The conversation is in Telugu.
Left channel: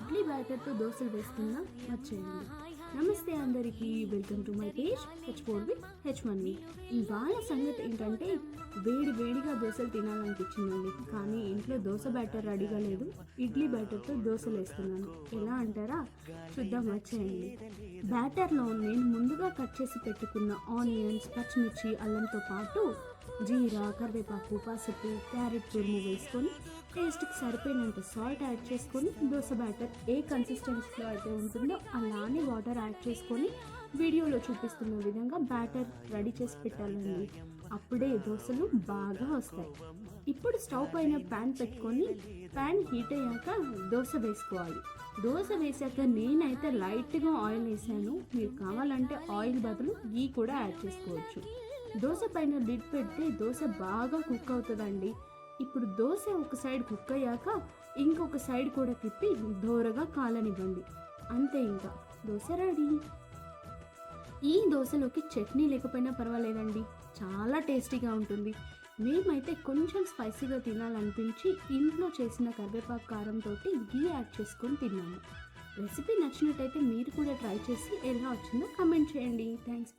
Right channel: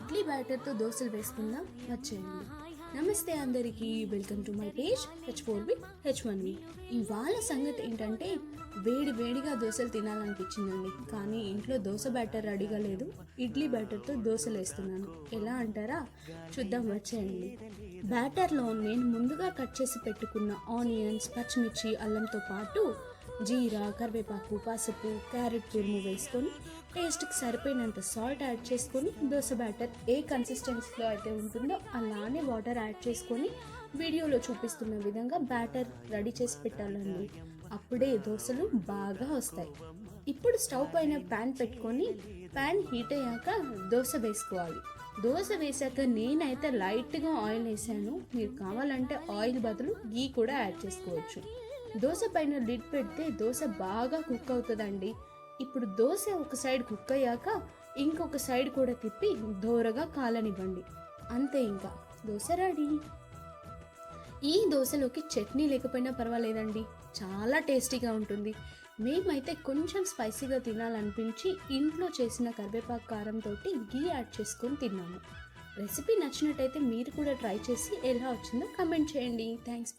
ఇడ్లీ బ్యాటర్తో దోశలు వేసుకుందాం వచ్చేయండి. నమస్తే అందరికీ, welcome to my page H4B H1B. ఇవాళ సంగతి ఏంటంటే వేడి వేడిగా దోశలు తినాలనిపించిందండి, కానీ ఇంట్లో దోశ బ్యాటర్ రెడీగా లేదు. ఇడ్లీ బ్యాటర్తో దోశలు వేస్తున్నాను. ఎలా అంటారా? చూద్దాం వచ్చేయండి. బ్యాటర్లో నేను ముందుగా కట్ చేసి పెట్టుకున్న ఆనియన్స్, పచ్చిమిర్చి, అల్లంతో పాటు జీరా, కరివేపాకు, పసుపు, క్యారెట్ తురుము వేసుకొని టేస్ట్కి సరిపోయినంత సాల్ట్ యాడ్ చేసుకొని దోశ బ్యాటర్ ఏ కన్సిస్టెన్సీలో అయితే ఉంటుందో అలానే వాటర్ యాడ్ చేసుకొని వీడియోలో చూపిస్తున్న విధంగా బ్యాటర్ రెడీ చేసి పెట్టాలండి. అప్పుడే దోశలు బాగా వస్తాయి. ఇప్పుడు స్టవ్ పైన ప్యాన్ పెట్టుకొని ప్యాన్ హీట్ అయ్యాక దోశ వేసుకోవాలి. దోశ వేసాక నేనైతే లైట్గా ఆయిల్ వేసాను. మీరు కావాలంటే ఆయిల్ బదులు గీ కూడా యాడ్ చేసుకోవచ్చు. దోశ పైన లిడ్ పెడితే దోశ బాగా కుక్ అవుతుందండి. ఇప్పుడు దోశ ఒక సైడ్ కుక్ అయ్యాక ఇంకొక సైడ్ కూడా తిప్పి దోరగా కాలనివ్వండి. అంతే, ఇంకా దోశ రెడీ. ఈ దోశలోకి చట్నీ లేకపోయినా పర్వాలేదండి, చాలా టేస్టీగా ఉంటుంది. మేమైతే కొంచెం స్పైసీగా తినాలనిపించి ఇంట్లో చేసిన కరివేపాకు కారంతో గీ యాడ్ చేసుకొని తిన్నాము. రెసిపీ నచ్చినట్టయితే మీరు కూడా ట్రై చేసి ఎలా వచ్చిందో కమెంట్ చేయండి. థ్యాంక్స్.